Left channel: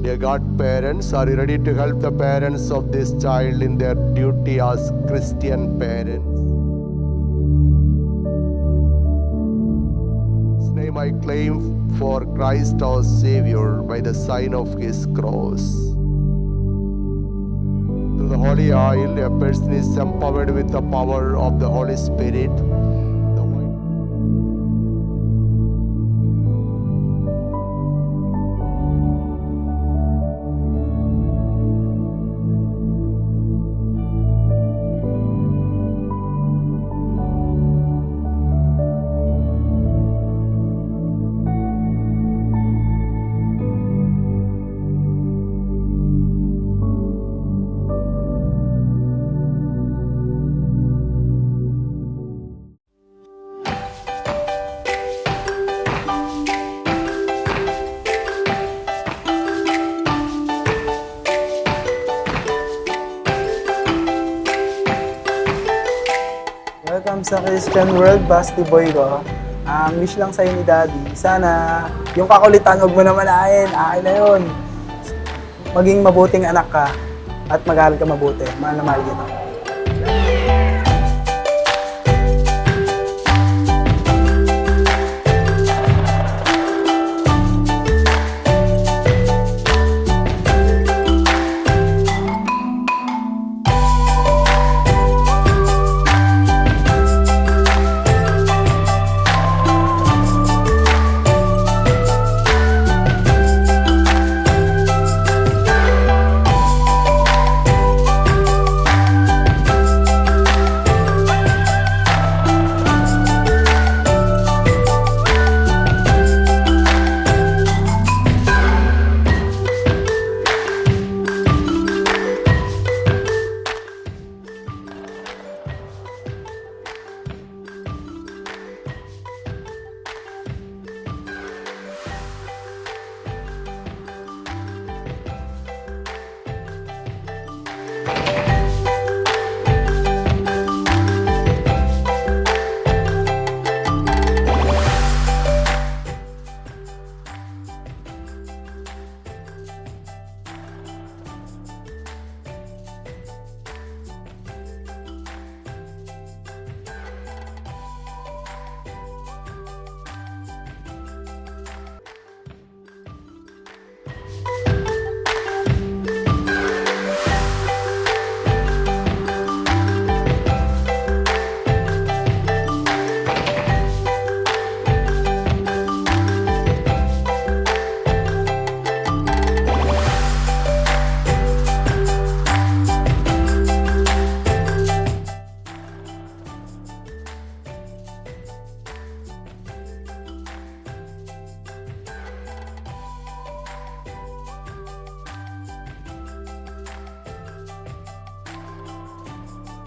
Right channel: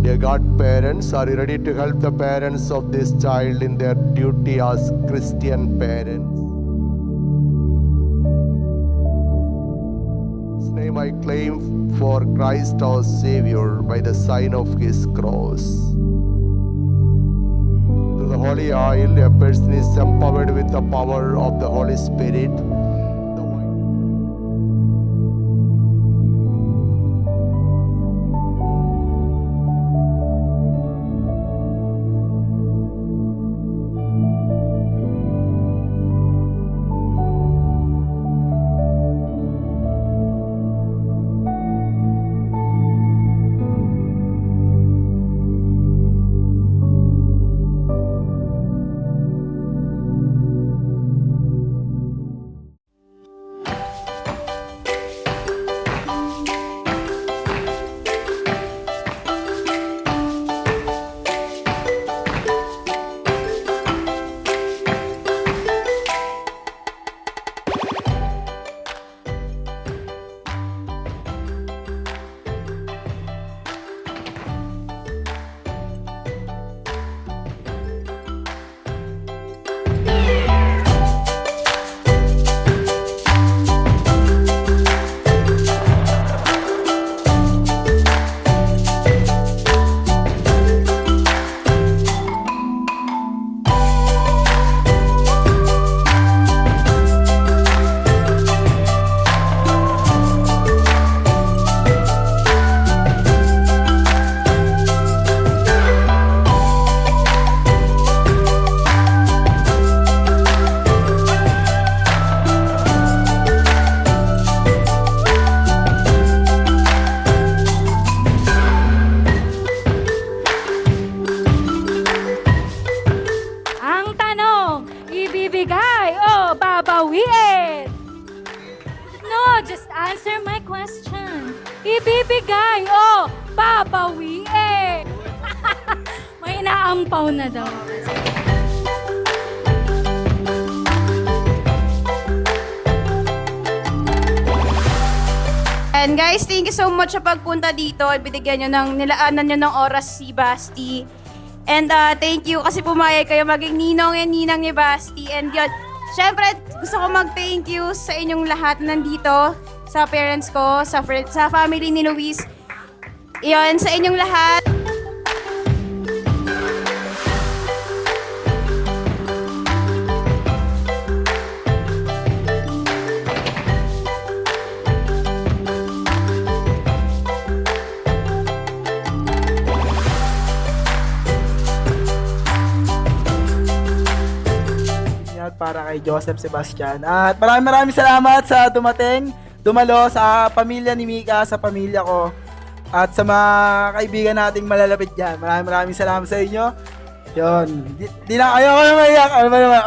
Dear godparents, are you ready to help the parents of this child in their duty as Christian parents? In His name I claim for Christ our Savior by the sign of His cross. Through the holy oil, a person is empowered with the power of the Holy Spirit. The Welcome sa Christian World, Basti Boy ko. Wish lang sa'yo ni Daddy, sana yung kakulitan huwag mo na manahin, akin na yun. Maging mabuting anak ka at mag-aaral ka mabuti. Mahal na mahal kita. Ibibigay o babawiin? No, just answer my question. Ibibigay o babawiin? May inaampaw na daw. And guys, thank you so much sa pagpunta dito. Ibinigyan nyo nilaanan nyo ng oras si Basti. And thank you kasi pumayag kayo maging ninong and ninang ni Basti. And yun, syempre gusto ko mag-thank you sa inyong lahat nandito, sa parents ko, sa family ni Luis. Iyon, sa inyong lahat. Para kay Joseph Sebastian. At maraming salamat sa dumalo sa pamilya ni Mika, sa pamilya ko, at sa mga kaibigan nating malalapit dyan. Maraming salamat sa inyo. Yun. Di na, ayoko na maiyak. Ano ba naman?